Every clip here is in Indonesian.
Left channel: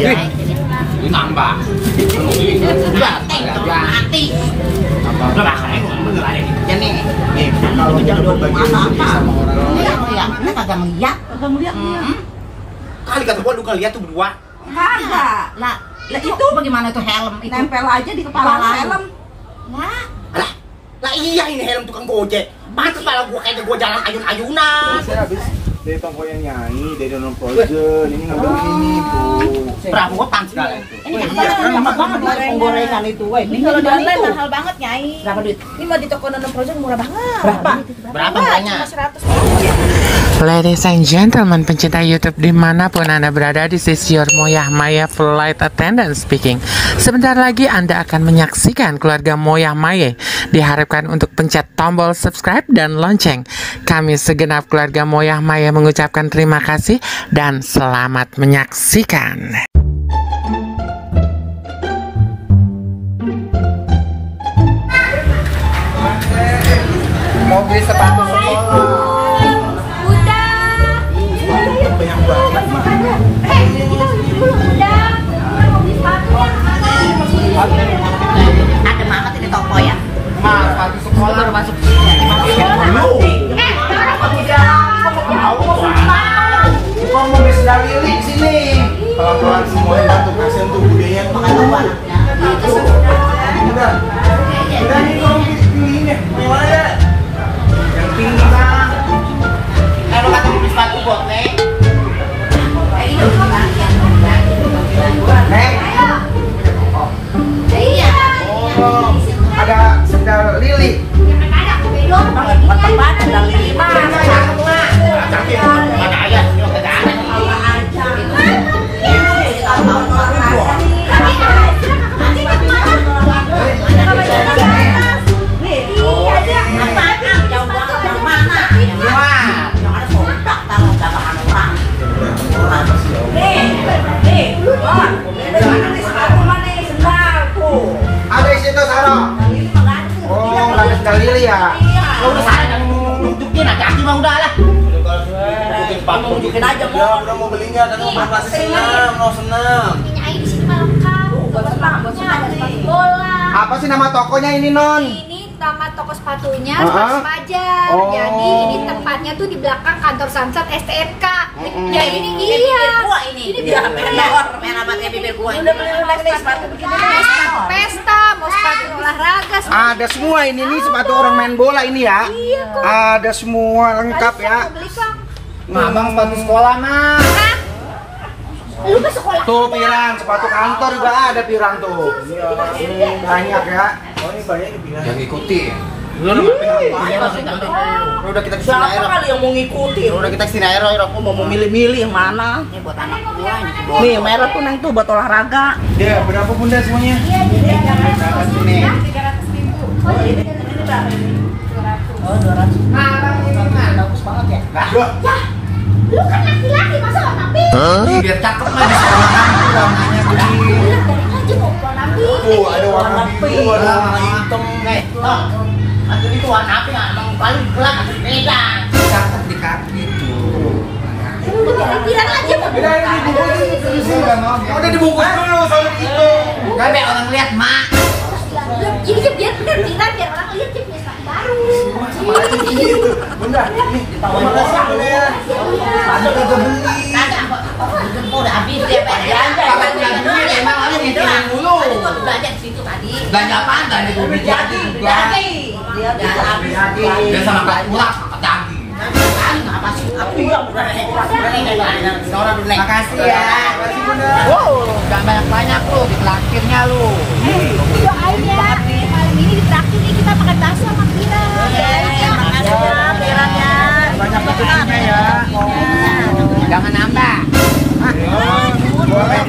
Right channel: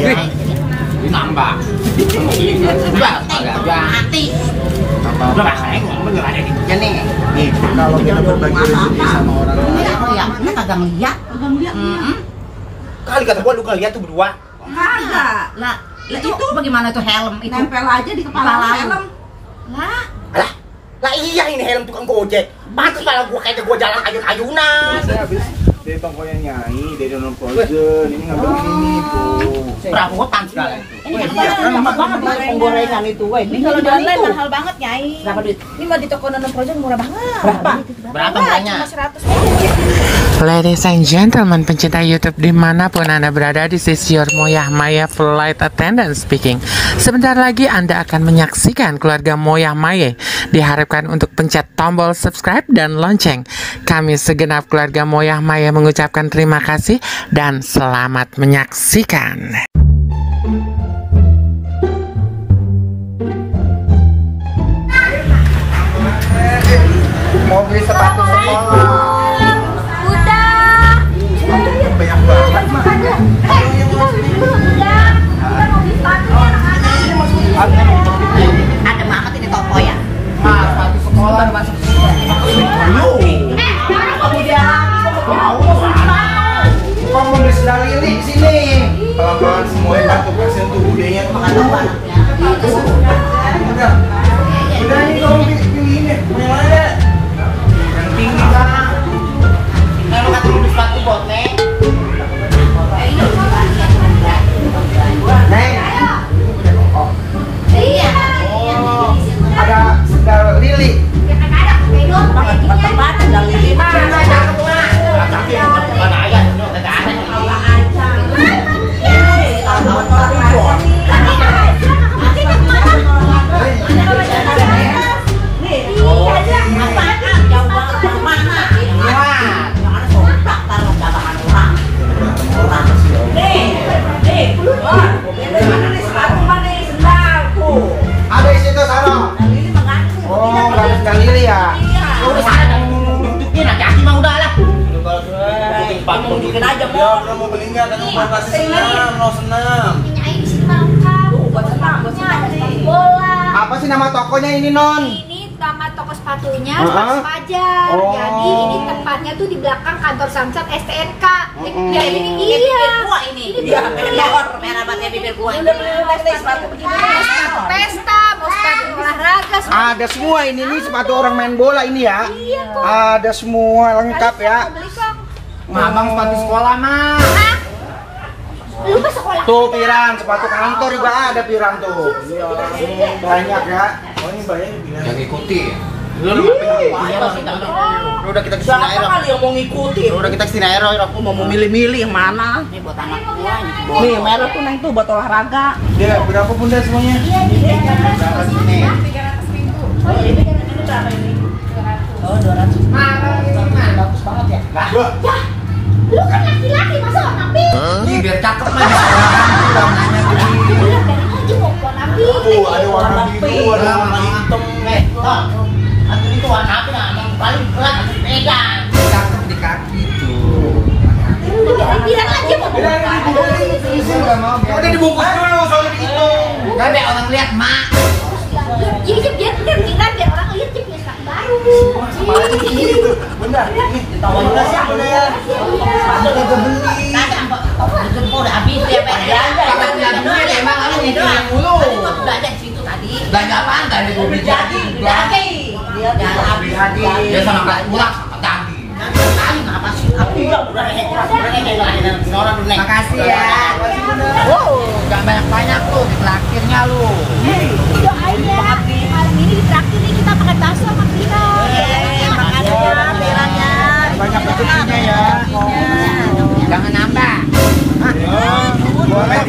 Ini nambah. Udah, agak mati. Udah lah, bener aja nih. Ya nih. Nih, kalau kita berbagi rezeki sama orang lain. Iya, ini kagak ngeliat. Kali kata gua lu lihat tuh berdua. Kagak. Lah, itu bagaimana itu helm itu? Nempel aja di kepala helm. Lah, lah iya ini helm tukang gojek. Pantes kepala gua kayak gua jalan ayun-ayunan. Saya habis dari tokonya Nyai, dari non frozen, ini ngambil ini tuh. Perabotan segala itu. ini kan lama banget lah penggorengan itu. Ini kalau dan lain mahal banget, Nyai. Berapa duit? Ini mau di toko non frozen murah banget. Berapa harganya? Cuma 100. Ladies and gentlemen, pencinta YouTube dimanapun Anda berada, this is your Moyah Maya Flight Attendant speaking. Sebentar lagi Anda akan menyaksikan keluarga Moyah Maya. Diharapkan untuk pencet tombol subscribe dan lonceng. Kami segenap keluarga Moyah Maya mengucapkan terima kasih dan selamat menyaksikan. Mau beli sepatu sekolah. Banyak banget, Mak. Ada banget ini toko ya. Sekolah masuk dulu. Kok mau beli sendal lili di sini? Kalau semuanya batu kasihan tuh budenya makan apa? Udah nih kamu pilih deh. Yang mana deh? Yang tinggi Bang. Kalau kata beli sepatu bot, Neng. Neng. Oh, ada sendal lili. Tempat sendal lili mana? Ada di situ Sarah. Oh, nggak ada sendal lili ya? Udah saya nunjukin hati-hati mah udah lah. Tunjukin aja Udah mau beli nggak? Tadi mau pasti senam, mau senam. Nyai di sini mah lengkap. Buat sepatunya ada sepatu bola. Apa sih nama tokonya ini Non? Ini nama toko sepatunya Uh-huh. Sepatu Fajar. Oh. Jadi ini tempatnya tuh di belakang kantor Samsat STNK. Ya ini Iya. iya. Ini Ini dia bibir merah banget bibir gua. Udah beli sepatu begini mau sepatu pesta, mau sepatu olahraga. Ada semua ini nih sepatu orang main bola ini ya. Iya kok. Ada semua lengkap ya. Mau beli kok. Abang sepatu sekolah mah. Hah? Lu ke sekolah? Tuh pirang, sepatu kantor juga ada pirang tuh. Iya, banyak ya. Oh ini banyak dibilang. Yang ikuti. Lu udah kita kesini Siapa air. kali yang mau ngikuti? Udah kita kesini air, Aku mau milih-milih yang mana? Ini buat anak gua nih. Nih merah tuh Neng tuh buat olahraga. Dia berapa bunda semuanya? berapa sini? 300.000. Oh ini berapa ini? 200. Oh 200. Bagus banget ya. Lu kan laki-laki masa tapi Biar cakep mah di sekolahan tuh warnanya begini. bilang dari aja mau nabi. Tuh ada warna biru, ada warna hitam. Tol. Aku itu warna apa ya? Emang paling gelap aku pegang. Cakep di kaki tuh. Lu bilang aja mau Udah dibungkus dulu soalnya itu. Gak biar orang lihat mak. jadi biar bener tinggal biar orang lihat dia punya sepatu baru. Bunda, nih Ditawar terima kasih Bunda ya. Sepatu udah beli. Kagak kok. Itu udah habis dia pengen. Kapan dia doang ya? Emang kamu mikirin mulu. Tadi gua belanja di situ tadi. Belanja apaan? Belanja gue jadi. Dia Jadi. Dia sama kelas ulang sama daging. Kali ngapa sih? Aku ya udah Nora dulu. Makasih ya. Gak banyak-banyak tuh di traktirnya lu. Doain ya malam ini ditraktir nih kita makan bakso sama Pira. Makasih ya, pirangnya. Banyak rezekinya ya. Jangan nambah. Boleh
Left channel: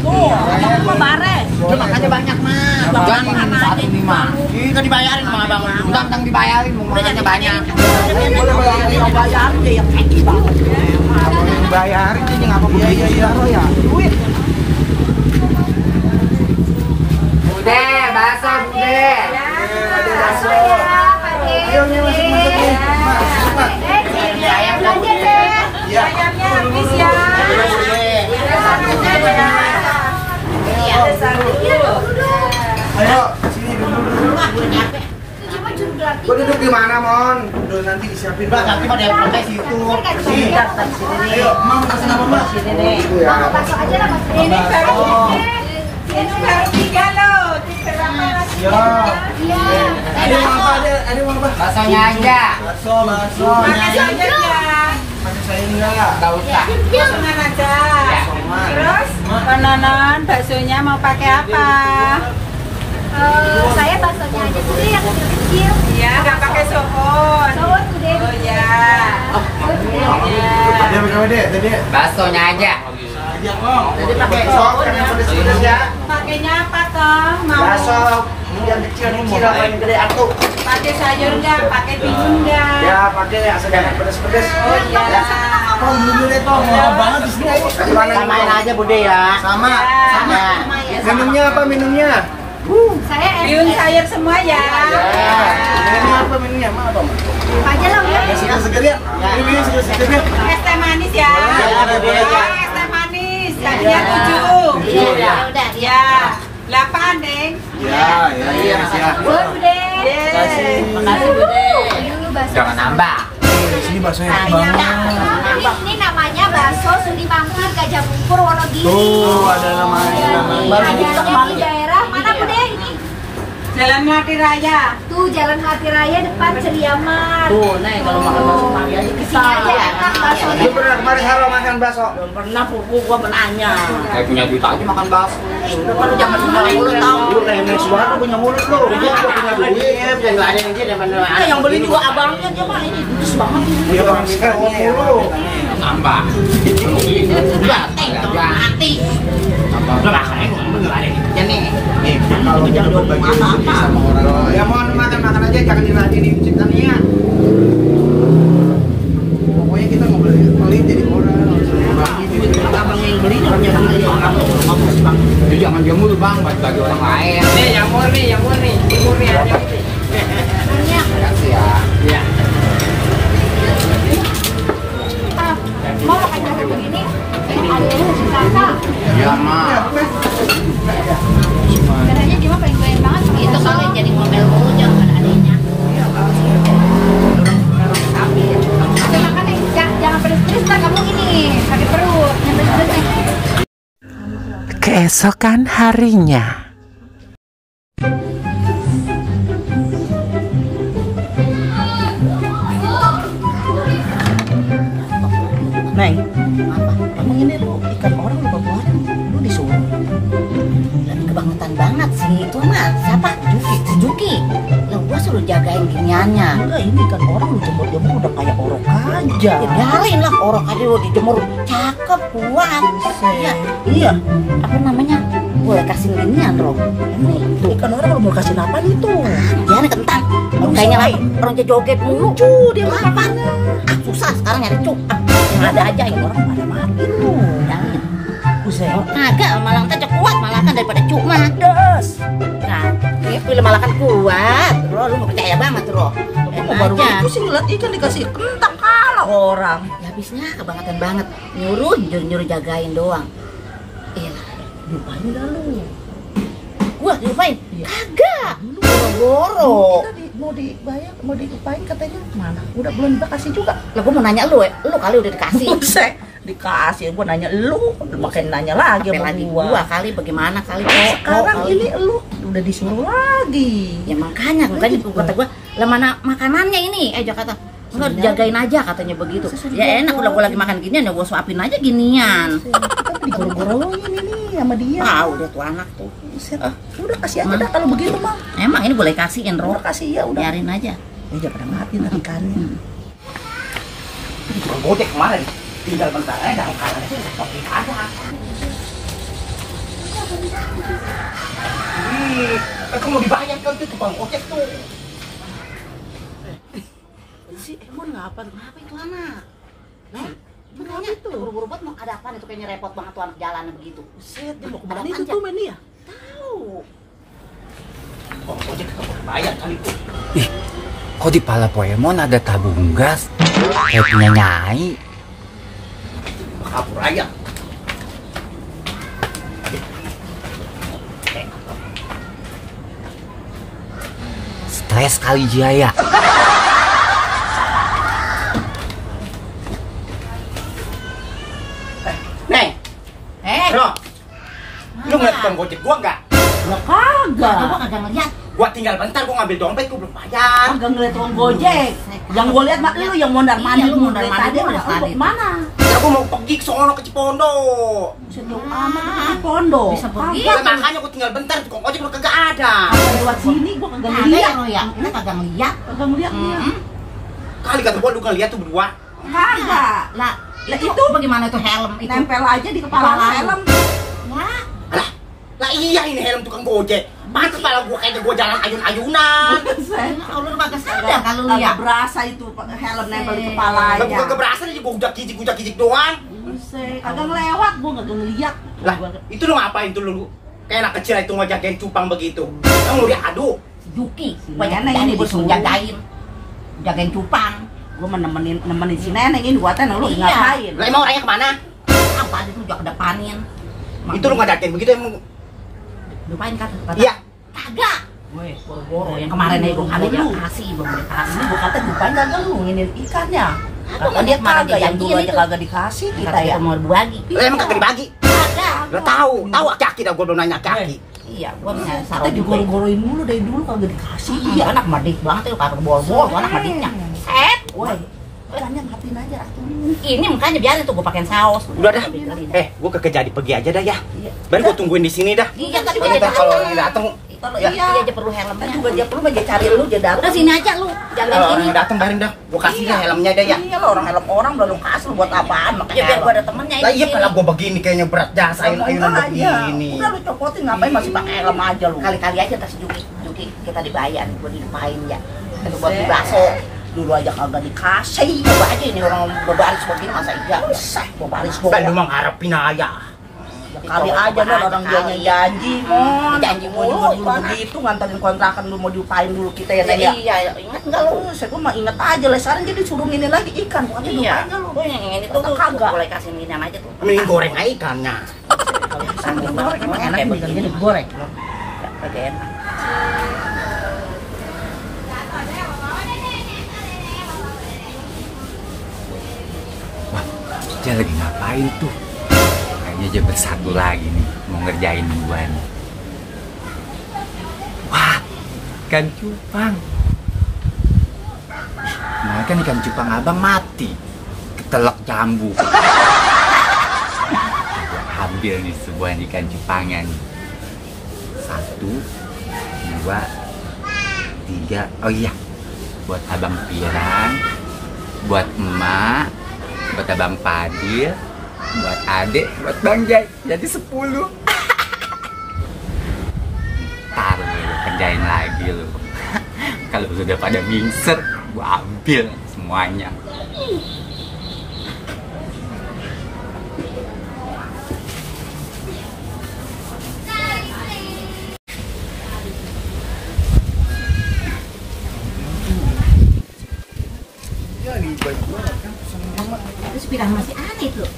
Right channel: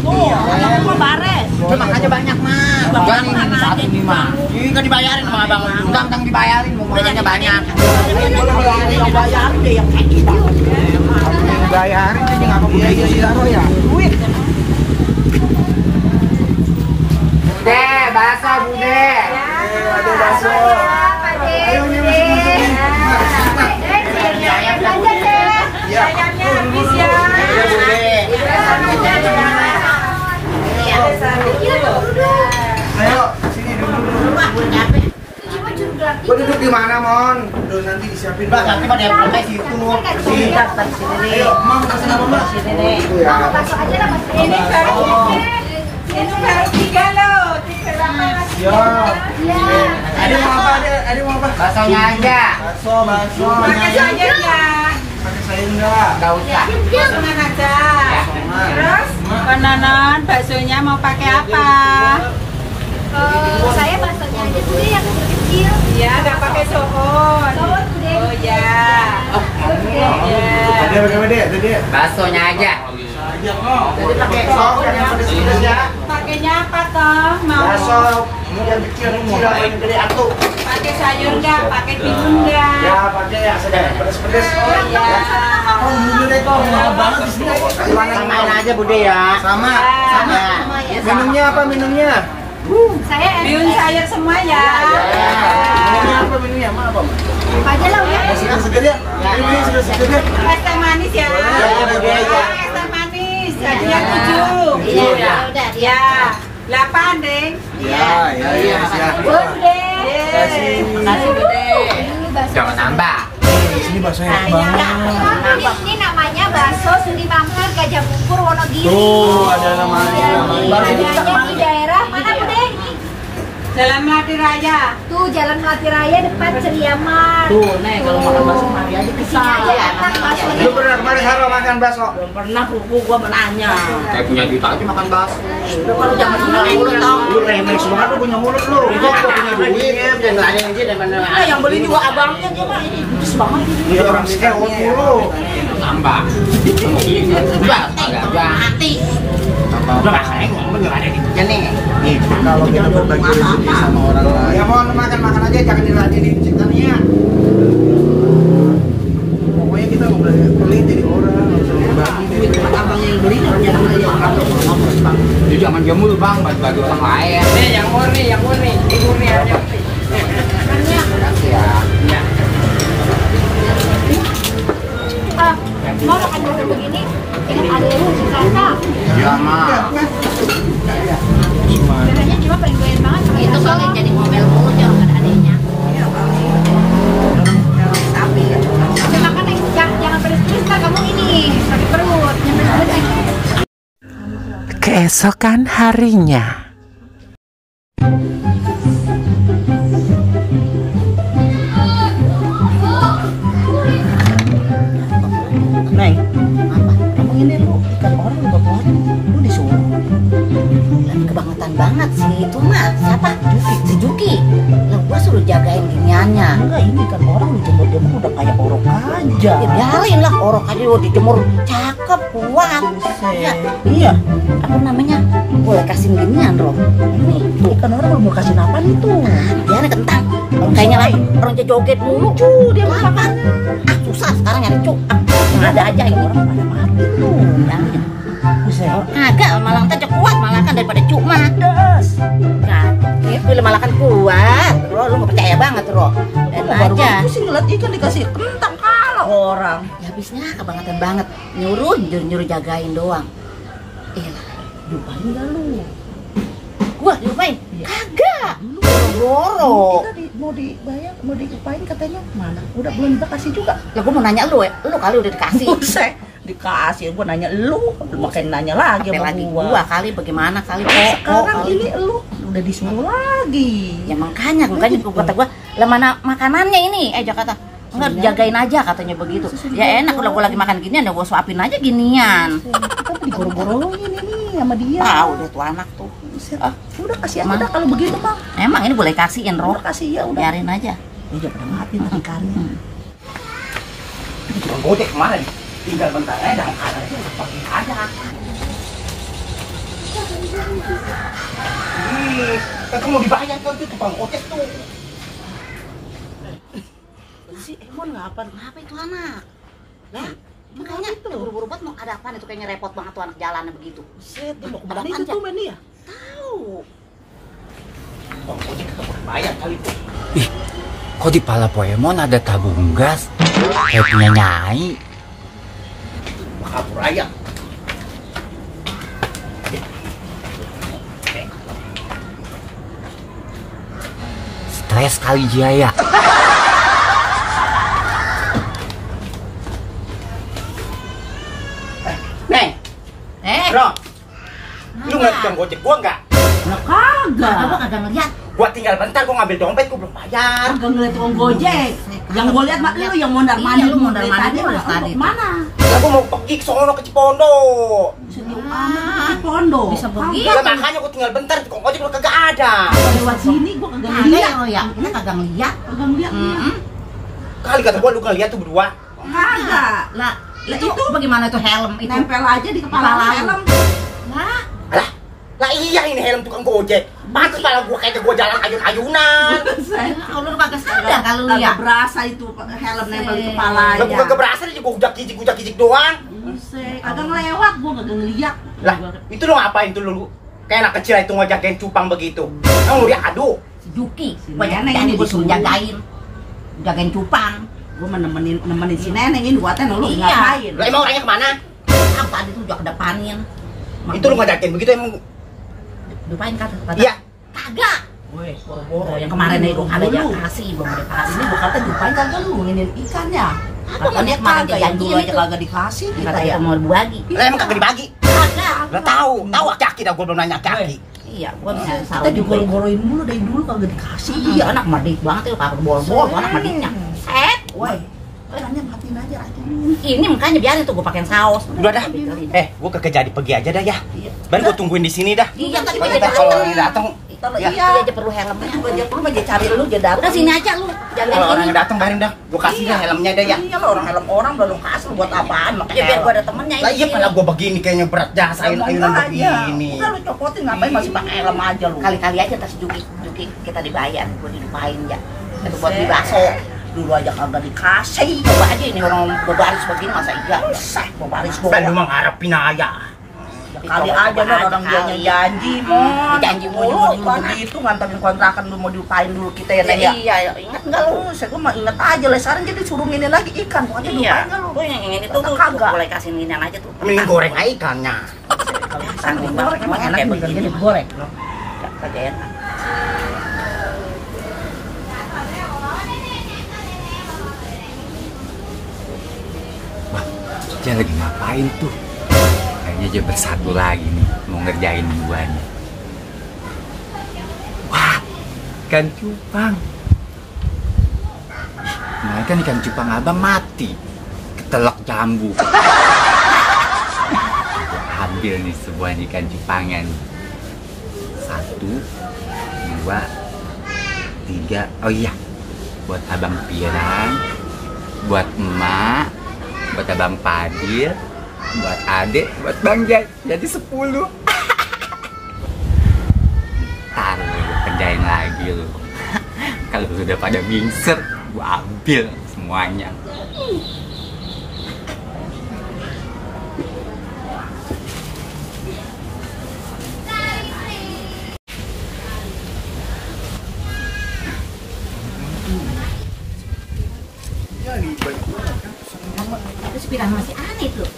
Tuh, kamu mah bares. Makanya banyak mah. Bang, Jangan mana aja 1,5. Iya kan dibayarin sama abang. Tang dibayarin, makanya banyak. Yang bayarin deh yang kaki banget. bayarin aja nggak apa-apa begitu sih Taro ya. Duit. Bude, bakso bude. Ada bakso. Ayo nih masuk nih. Mas. Ayam belanja deh. Iya. Ayamnya habis ya. Bude. duduk di mana, Mon? Udah nanti disiapin. Mbak, nanti pada yang pakai situ. Sini, sini. Ayo, mau taksi nama Mbak? Sini nih. Mau bakso aja lah mas. Ini baru 3 loh. Ya. Iya. Ada mau apa? Ada mau apa? Baksonya aja. Bakso. Pakai sayurnya. Pakai sayur enggak? Enggak usah. Potongan aja. Terus Penanan baksonya mau pakai apa? saya baksonya aja tuh yang kecil-kecil. Iya, nggak pakai sohon. Sohon gede. Oh ya. Ada. Baksonya aja. Jadi pakai sok yang pedes-pedes ya. Pakainya apa toh? Mau Bakso yang kecil apa yang gede atuh? pakai sayur nggak? Pakai timun nggak? Ya pakai ya sedang pedes-pedes. Oh iya. Oh jujur deh toh, murah banget di sini. Samain aja Bude ya. Sama. Sama. Minumnya apa minumnya? Saya Bihun sayur semua ya. Minumnya apa minumnya? Mau apa? apa aja lah udah. Seger-seger ya? Ini seger-seger ya? Es teh manis ya. Boleh, boleh. Es teh manis. Jadinya 7. Iya, udah. Ya. 8 deng. Iya, siap. Buat Bude. Kasih. Dulu bakso. Jangan nambah. Di sini baksonya enak banget. Ini namanya bakso Suni Mampir Gajah Bungkur Wonogiri. Tuh, ada namanya. Di daerah mana Bude ini? Jalan Melati Raya. Tuh Jalan Melati Raya depan Ceriaman. Tuh, nih kalau makan bakso mari aja ke Sini aja enak baksonya. Lu pernah kemarin Haro makan bakso? Belum pernah pupu gua menanya. Saya punya duit aja makan bakso. Udah kalau jangan sembarang mulut tahu. Lu remix banget lu punya mulut lu. Lu punya duit. Iya, bisa ngeladen aja daripada Nah, yang beli juga abangnya dia mah ini judes banget. Dia orang miskin lu. nambah. Enggak, enggak mati. Udah makanya gua ngeladen aja nih. Nih, kalau kita berbagi rezeki sama orang lain. Ya mohon makan aja jangan diladenin ciptanya. Pokoknya kita mau pelit jadi orang, harus berbagi duit. Abangnya yang beli jangan dia makan. Jadi jangan dia mulu bang, bagi orang lain. Nih, yang murni. Murni ada. Makasih ya. Iya. Mau makan bakso begini? Ada lu kasa. Iya mah. Katanya cuma paling doyan banget sama itu kali jadi ngomel mulu jangan pada adanya. Udah makan nih, jangan pedes-pedes lah kamu ini sakit perut, yang pedes-pedes nih. Keesokan harinya. Neng, apa? Emang ini lu ikan orang lu bawa lu disuruh. Lagi kebangetan banget sih itu mah siapa? Si Juki. Lah gua suruh jagain giniannya. Enggak, ini ikan orang lu jemur-jemur udah kayak orok aja. Ya biarin lah orok aja lu dijemur cakep kuat. Ya, Iya, apa namanya? Boleh kasih ginian Rob. Ini tuh. ikan orang lu mau kasih apa nih tuh? Dia nih kentang. Kayaknya lapar. Orang joget mulu. Dia Apa? Ah susah sekarang nyari cuk. Yang ada aja ini. orang pada mati lu. Jangan. Buset. Agak malah ntar kuat malah kan daripada cuk mah. Das. Nah, ini film malah kan kuat. Lu mau percaya banget Rob. Kok baru itu sih ngeliat ikan dikasih kentang kalah orang. Ya habisnya kebangetan banget. Nyuruh jagain doang. Lupain dah lu. Gua diupain? Iya. Kagak. Boro-boro. Mau dibayar, mau diupain katanya mana? Udah belum dikasih juga. Lah gua mau nanya lu ya. Lu kali udah dikasih. Buset. Dikasih, gua nanya lu, makin nanya lagi Sampai sama lagi gua. gua kali bagaimana kali. Sekarang kali. ini lu udah disuruh lagi. Ya makanya kata gua, lah mana makanannya ini? Jakarta. Enggak jagain aja katanya begitu. Ya enak udah gua lagi makan ginian ya gua suapin aja ginian. Kita digoro-goroin ini sama dia. Tahu deh tuh anak tuh. Buset. Udah kasih aja dah kalau begitu mah. Emang ini boleh kasihin Rob. Udah kasih ya udah. Biarin aja. Ya pada mati dah ikannya. Tukang gojek kemana nih? Tinggal bentar aja makanannya tuh pakai aja. Kan mau dibayar kan tuh tukang gojek tuh. Si Emon ngapa itu anak? Lah, makanya tuh buru-buru banget mau ada apaan itu kayaknya repot banget tuh anak jalannya begitu. Buset, dia mau Ada kemana apaan, itu tuh Meni ya? Tahu. Tukang gojek tetap bayar kali tuh. Kok di pala Poemon ada tabung gas? Kayak punya Nyai. Kabur aja. stres kali Jaya. Neng, bro, lu ngeliat tukang gojek gua nggak? Ya kagak. Gua kagak ngeliat. Gua tinggal bentar, gua ngambil dompet, gua belum bayar. Kagak ngeliat tukang gojek. Yang gua lihat mah lu yang mondar-mandir Iya, lu mondar-mandir tadi dari mah tadi. untuk mana? Ya gua mau pergi ke sono ke Cipondo. Sejauh amat ke pondok. Bisa pergi. Ya makanya gua tinggal bentar, tukang gojek gua kagak ada. Lewat sini gua kagak Kagak ngeliat. lo ya, ini kagak ngeliat. Kagak ngeliat dia. Kali kata gua lu ngeliat tuh berdua. Kagak. Lah, itu bagaimana itu helm itu? nempel aja di kepala Kepala lu. helm. Lah, Lah iya ini helm tukang gojek. Pantes pala gua kayak gua jalan ayun-ayunan. kalau lu kagak sadar kalau lu ya. Agak berasa itu helm nempel di kepala Lah gua kagak berasa dia gua ujak kijik doang. Buset, kagak ngelewat, gua kagak ngeliat. Lah, itu lu ngapain tuh lu? Kayak anak kecil itu ngejagain cupang begitu. Kamu diadu. Juki, Si banyak Neneng jadi ini disuruh disuruh. jagain cupang. Gua nemenin si Neneng ini gua tanya lu Iya. ngapain? Lah emang orangnya kemana? Apa itu juga kedepanin. Itu lu ngadakin begitu emang. Dipain kan? Iya. Kagak. Woi, Boro-boro yang kemarin itu ada lu. kasih, belum ada Ini kasih. gua kata jupain kagak lu nginin ikannya. Kagak, dia kemarin kagak yang dulu dijanjiin aja itu. kagak dikasih kita Kata ya. kita mau berbagi. Lah emang kagak dibagi. Kagak. Lah tahu aki-aki dah gua belum nanya aki-aki. Iya, gua bisa Kita digoro-goroin mulu dari dulu kagak dikasih. Iya, anak madik banget ya, kagak bol-bol, anak madiknya. Set. Woi, ikannya matiin aja racun. Ini makanya biarin tuh gua pakein saus. Udah dah. Gua kagak jadi pergi aja dah ya. Ben gua tungguin di sini dah. Iya, tadi Soalnya ntar kalau orangnya datang, Kalau Ya. iya aja perlu helmnya. Itu aja perlu aja cari lu aja datang. Udah sini aja lu. Jalan kalau ini. orangnya datang barin dah. Gua kasih dah helmnya dah ya. Iya lo orang helm orang belum kasih lu buat apaan Ya makanya biar gua ada temennya Lah ini. iya kalau gua begini kayaknya berat dah sayun-sayunan begini. Udah lu copotin ngapain masih pakai helm aja lu. Kali-kali aja tas Juki kita dibayar, gua dilupain ya. Itu buat beli bakso. Dulu aja kagak dikasih. Coba aja ini orang berbaris begini masa iya. Berbaris gua. Ben lu mah ngarepin aja. Kali aja lo orang dianya janji mon. Janji Mau juga mulu, dulu Bang. begitu nganterin kontrakan lu mau diupain dulu kita ya Neng ya. Iya, ingat enggak lu? Saya gua mah inget aja lah sekarang jadi suruh ngini lagi ikan bukan Iya. diupain kan lu. Gua yang ini tuh Kata kagak. boleh kasih minian aja tuh. Mending goreng aja ikannya. Kalau bisa digoreng emang enak bener jadi digoreng. Kagak enak. Wah, dia lagi ngapain tuh? Kayaknya dia bersatu lagi nih, mau ngerjain gua nih. Wah, ikan cupang. Nah kan ikan cupang abang mati, ketelak jambu. Gua ambil nih sebuah ikan cupangan. 1, 2, 3. Oh iya, buat abang Pirang, buat emak, buat abang Padil, buat adek, buat bang Jai, jadi 10. Ntar lu kerjain lagi lu. Kalau sudah pada mingser, gua ambil semuanya. Terus bilang masih aneh tuh.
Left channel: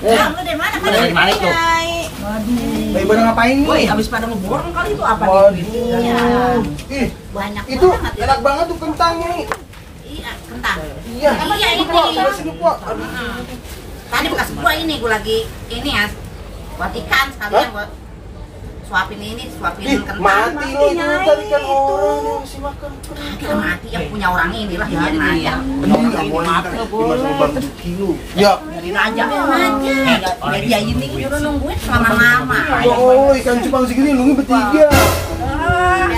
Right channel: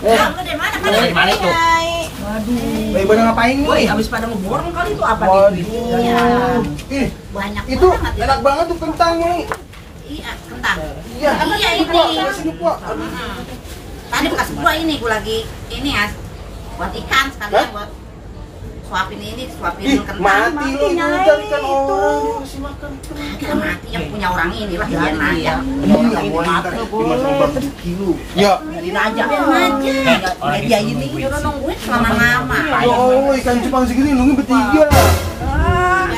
Kamu dari mana? Dari mana itu? Waduh. Lagi pada ngapain Woi, nih? habis pada ngeborong kali itu apa Waduh. nih? Banyak Itu banget. enak banget tuh kentangnya nih. Iya, kentang. Iya. Apa ya ini? Pak, sana sini, Pak. Tadi bekas gua ini gua lagi ini ya. Buat ikan sekalian buat suapin ini, suapin Ih, kentang. mati lo itu tarikan orang dia masih makan. Kita mati yang punya orang ini lah biarin aja. Iya, nggak boleh dimas sama barbecue lu. Ya. Biarin aja. Aja. Dia ini udah nungguin selama lama. Oh, ikan cupang segini lu bertiga.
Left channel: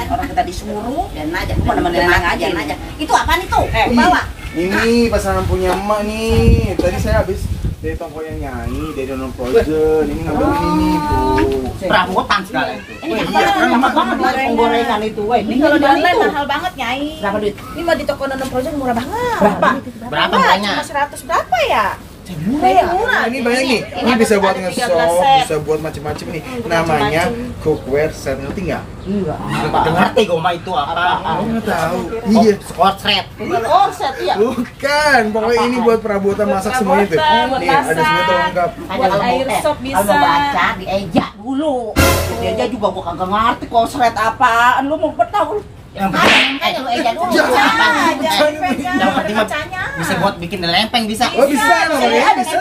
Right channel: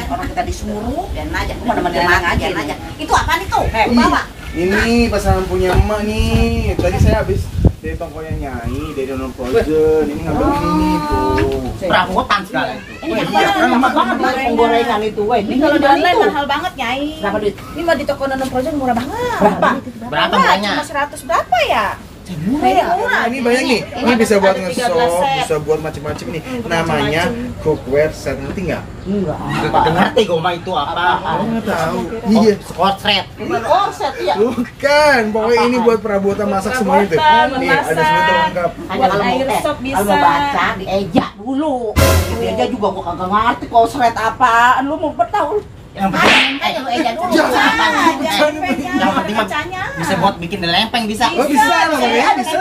Orang kita disuruh. Biarin aja. Gua nemenin Biarin Neneng aja biarin nih. Itu apaan itu? Eh, Bawa. Ini pasangan punya emak nih. Tadi saya habis dari tokonya Nyai, dari Dono Frozen. Ini ngambil ini tuh. Perabotan segala itu. Ini Iya, kan lama banget lah penggorengan itu, weh. Ini kalau Jualan itu. mahal banget, Nyai. Berapa duit? Ini mah di toko Nonon Frozen murah banget. Berapa? Berapa Wah, banyak? Cuma 100 berapa ya? Murah ya? Murah. Ini banyak nih. Ini bisa buat Ada 13 nge-shop, set. bisa buat macam-macam nih. Namanya cookware set, ngerti nggak? Enggak. Udah ngerti gue mah itu apa? Nggak tahu. Iya. Skotret. Oh, set ya. Bukan, pokoknya ini buat perabotan masak semuanya tuh. Perabotan, Nih, ada semua tuh lengkap. Ada kalau air mau sop bisa. kalau mau baca di eja dulu. Dia aja juga gua kagak ngerti kok seret apaan. Lu mau tahu? Yang penting Ayo lu eja dulu. yang penting mah bisa buat bikin lempeng bisa. Oh bisa loh ya, bisa.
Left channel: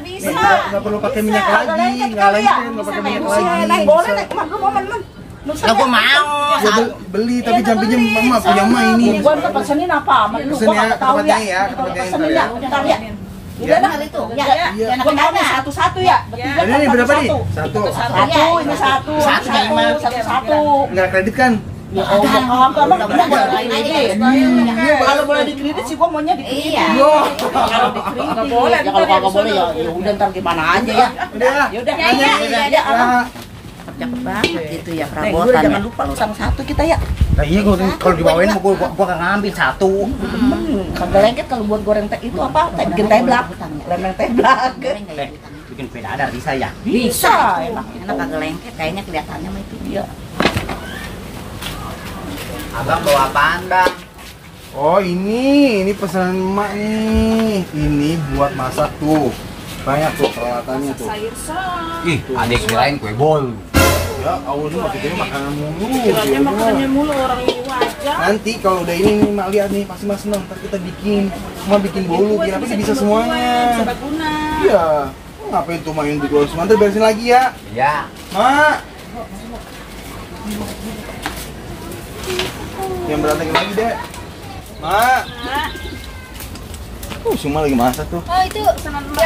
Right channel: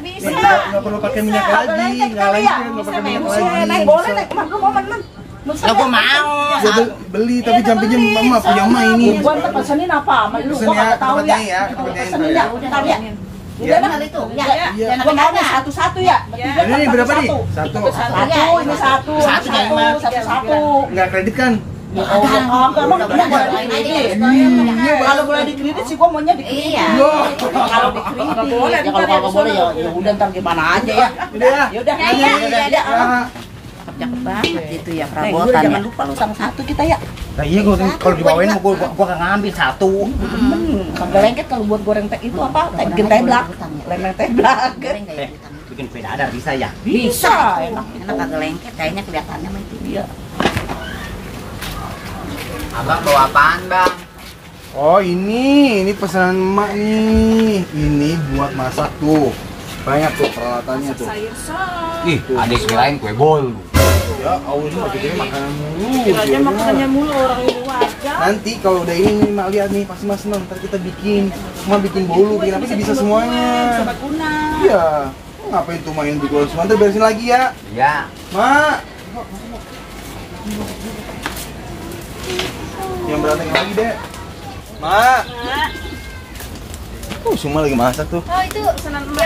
Bisa. Nggak perlu pakai minyak lagi, nggak lengket, nggak pakai minyak lagi. Boleh nek, lu mau men. Lah gua mau. Ya, beli tapi jangan pinjam mama punya mah ini. Gua ntar pesenin apa? Lu Pesen gua ya, enggak tahu tempatnya ya. ya, tempatnya Pesenin ya. ya, bentar ya. Iya. Udah Hal itu. Ya. Iya. Jangan Gua mau tanya. satu-satu ya. Bertiga Ini kan berapa nih? satu. Satu. Satu, ini satu. Satu, Nyai Mah. Satu. Nggak kredit kan? Ya Allah, emang Udah gua boleh lain aja. dikredit. Kalau boleh dikredit sih gua maunya dikredit. Iya. Kalau dikredit nggak boleh. Ya kalau kagak boleh ya udah ntar gimana aja ya. Udah ya. Ya udah. Ya. Cakep banget itu ya Gue perabotan. jangan lupa lu sama satu kita ya. Nah iya gua kalau dibawain gua akan ngambil satu. Sampai lengket kalau buat goreng teh itu apa? Bikin teblak. Lemeng teblak. Goreng kayak gitu. Bikin kue dadar bisa ya. Bisa enak. Enak kagak lengket kayaknya kelihatannya mah itu dia. Abang bawa apaan, Bang? Oh ini pesanan emak nih. Ini buat masak tuh. Banyak tuh peralatannya tuh. Ih, adek kirain kue bol. Ya, awal ini maksudnya makanan mulu. Kira-kira makanannya mulu orang ini wajah. Nanti kalau udah ini nih mak lihat nih pasti mas senang. Ntar kita bikin, cuma bikin bolu, kira apa sih bisa semuanya. Sobat guna. Iya. Ngapain tuh main di gol semua? Ntar beresin lagi ya. Ya. Mak. Yang berantakan lagi deh. Mak. Si Mak lagi masak tuh. Oh itu yang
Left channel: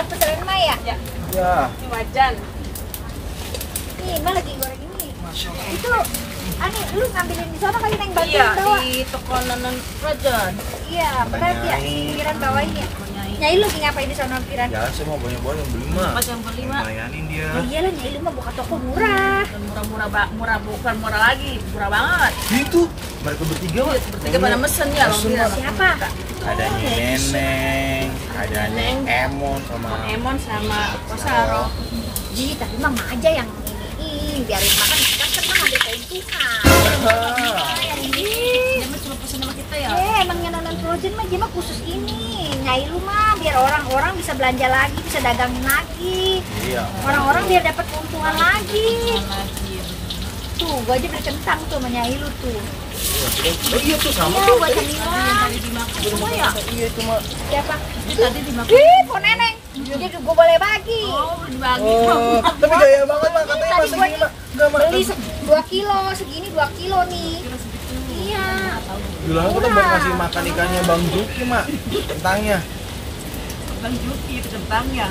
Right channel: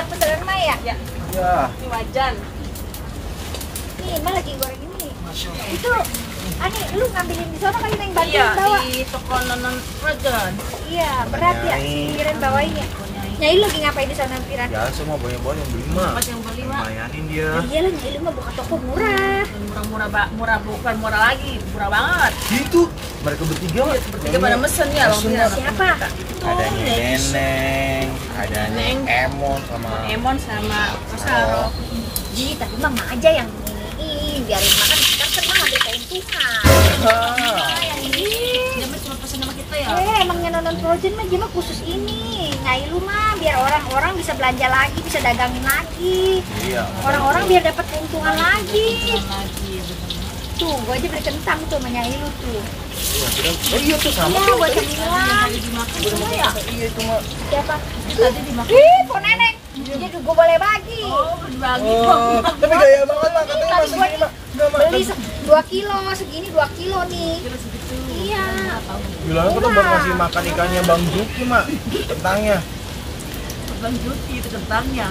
pesanan Mai ya? Ya. Ini wajan. Nih Mai lagi goreng ini. Itu Ani, lu ngambilin di sana kali Neng bantuin Iya, bawa. di toko nonon wajan. Iya, berat ya. Piran bawain ya. Nyai lu lagi ngapain di sana Piran? Ya semua banyak-banyak yang beli mah. Pas yang beli mah Bayarin dia. Ya iyalah Nyai lu mah buka toko murah. murah bukan murah lagi, murah banget. Itu mereka bertiga mah. Bertiga pada mesen ya, Bang Piran. Siapa? Ada Neneng, ada Neng Emon sama Emon sama Kosaro. Ji, tapi mah aja yang ini biarin makan. Kan senang ada keuntungan. Yang ini. Dia mah cuma pesen sama kita ya. Emangnya nonton Frozen mah dia mah khusus ini. Nyai lu mah biar orang-orang bisa belanja lagi, bisa dagangin lagi. Iya. Orang-orang biar dapat keuntungan lagi. Lagi Tuh, gua aja beli kentang tuh sama Nyai lu tuh. Oh iya tuh sama Iya, tuh. buat cemilan. tadi dimakan semua ya. Iya itu mah. Siapa? Tadi dimakan. Ih, po neneng. Jadi gua boleh bagi. Oh, berbagi. Oh, tapi gaya banget mah katanya Tadi masih gua gini mah. Enggak mah. beli 2 kilo, segini 2 kilo nih. Iya. Gila aku tuh buat ngasih makan ikannya Bang Juki mah. Kentangnya. Bang Juki itu kentang ya.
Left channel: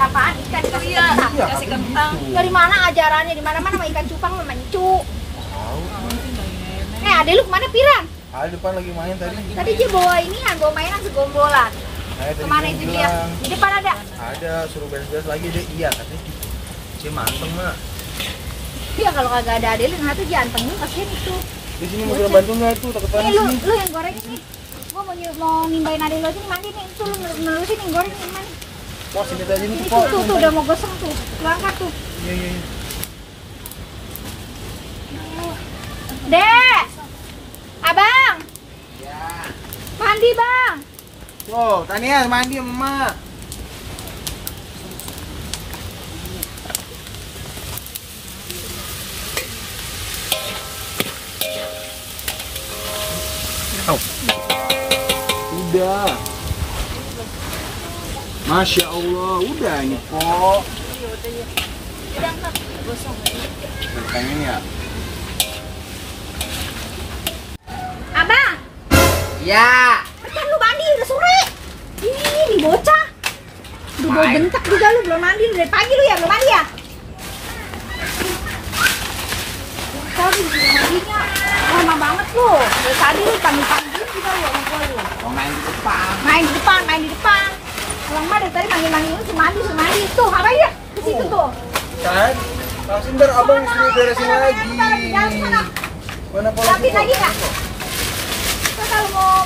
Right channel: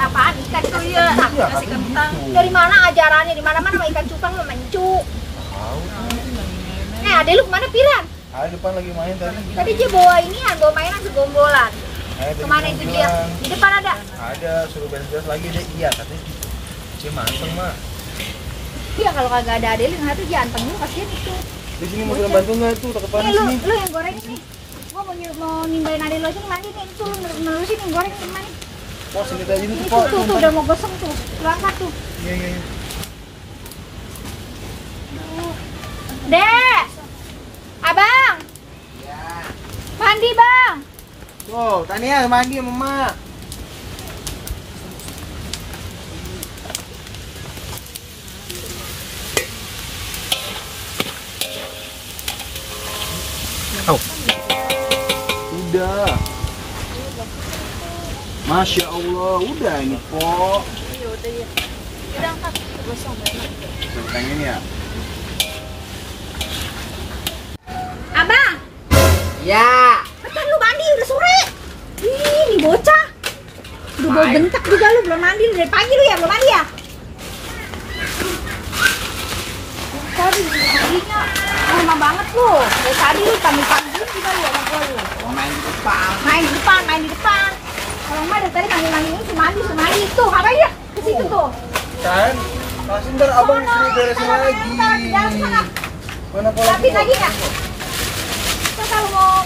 Apaan ikan dikasih Iya, kentang? Iya, kasih tapi kentang. gitu. Dari mana ajarannya? Di mana-mana sama ikan cupang lu mencu. Tahu. Adek lu kemana Piran? Ada depan lagi main tadi. Tadi dia bawa ini, bawa mainan segombolan. Tadi Kemana dia itu dia? bilang, Di depan ada. Ada suruh beres-beres lagi dia iya katanya. Dia manteng mah. Iya kalau kagak ada adek lu yang satu jantan lu kasihan itu. Di sini mau bilang bantu nggak tuh takut panas Nih nih. lu yang goreng ini. Gua mau nimbain adek lu aja nih mandi nih. Itu lu nerusin yang goreng ini mandi. Pos ini tadi Ini nih tuh, pos. tuh udah mau gosong tuh. Lu angkat tuh. Iya iya. Iya. Dek. Abang. Mandi bang. Oh, Tania mandi sama Mak. Oh. Udah. Masya Allah, udah ini po. Udah angkat. Gosong. Pengen ya? Abang. Ya. Kan lu mandi udah sore. Ini bocah. Udah bau bentak juga lu belum mandi dari pagi lu ya belum mandi ya? Tadi mandinya lama banget lu. Dari tadi lu panggil juga lu sama gua lu. Mau main di depan. Main di depan. Kalau enggak dari tadi manggil lu suruh mandi. Tuh, apa ya? Ke situ tuh. Kan? Masih ntar abang suruh beresin lagi. Jangan sana. Mana pola? Rapin lagi enggak? Terus kalau mau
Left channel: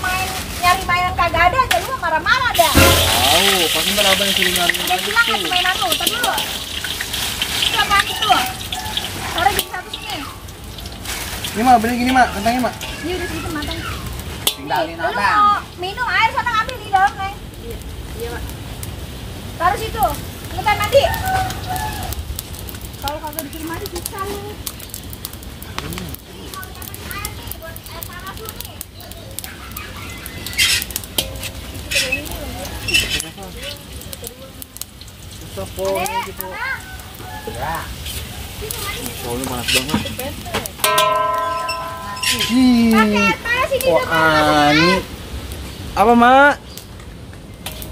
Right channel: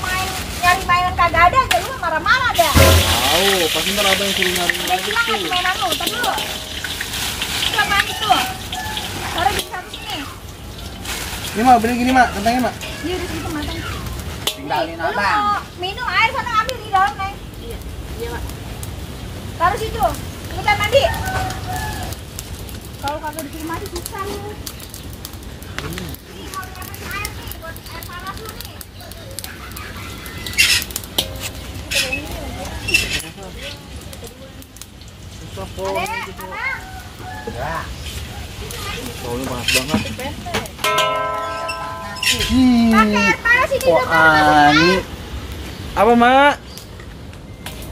nyari mainan kagak ada aja lu marah-marah dah. Tahu, pasti ntar abang yang suruh nyari. Udah hilang kan mainan lu, tadi dulu. Itu apaan itu? Sore jadi satu sini. Ini Mak, beli gini Mak, kentangnya Mak. Iya udah segitu matang. Tinggalin Lu abang. mau minum air sana ngambil di dalam, Neng. Iya, Pak. Taruh situ. Cepetan mandi. Kalau kagak disuruh mandi susah lu. Susah po gitu. Ya. Baunya panas banget. Panas ini Oh, Ani. Apa, Mak?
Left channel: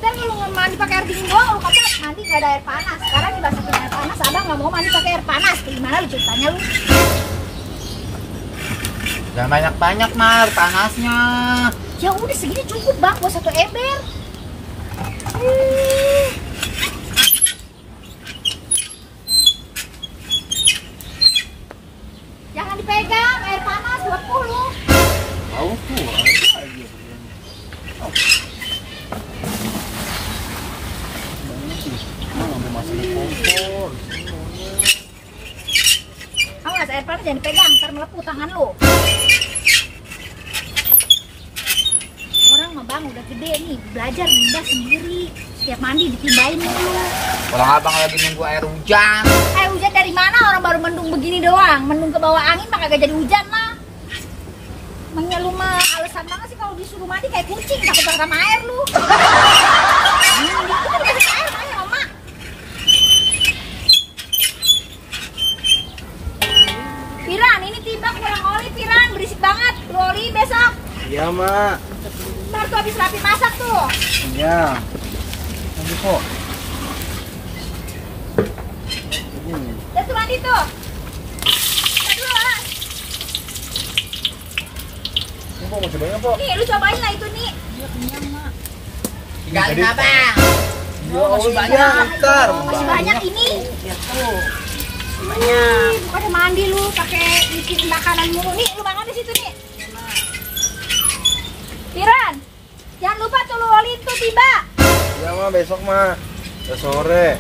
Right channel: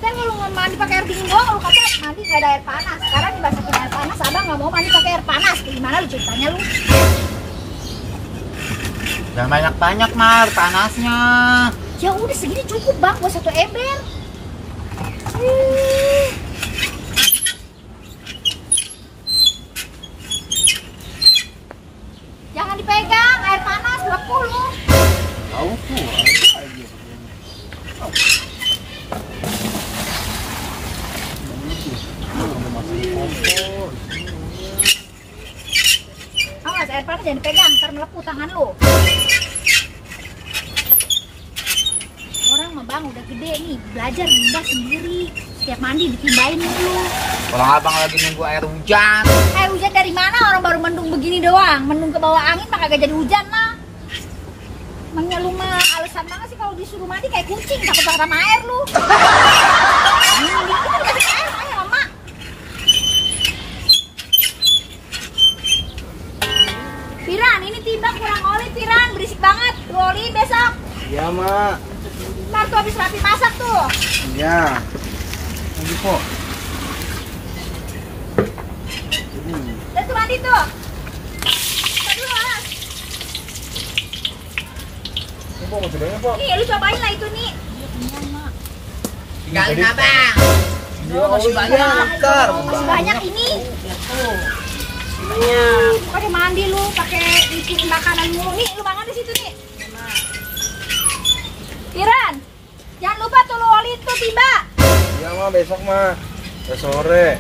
Ntar kalau mau mandi pakai air dingin doang, lu kata mandi nggak ada air panas. Sekarang dibasahin air panas, abang nggak mau mandi pakai air panas. Gimana lu ceritanya lu? Jangan banyak-banyak, Mar, panasnya. Ya udah segini cukup bang buat 1 ember. Jangan dipegang, air panas 20. Tahu tuh, ada aja. Awas air panas jangan dipegang, ntar melepuh tangan lu. Orang mah bang udah gede nih, belajar nimba sendiri. Setiap mandi ditimbain dulu. Kalau abang lagi nunggu air hujan. Air hujan dari mana? Orang baru mendung begini doang. Mendung ke bawah angin mah kagak jadi hujan lah. Emangnya lu mah alasan banget sih kalau disuruh mandi kayak kucing, takut banget sama air lu. Kita dikasih air makanya mama. Piran, ini tiba kurang oli Piran, berisik banget. Lu oli besok. Iya, Mak. Ntar tuh habis rapi masak tuh. Iya. Nanti kok. Udah tuh mandi tuh. Ntar dulu ah. Ini Pok, mau cobain apa? Nih lu cobain lah itu nih. Tinggalin abang. Ya, masih banyak. Ntar. Masih banyak ini. Banyak. Bukannya mandi lu pakai bikinin makanan mulu nih, lu makan di situ nih. Piran, jangan lupa tuh lu oli itu tiba. Iya, Mak, besok, Mak. Udah sore.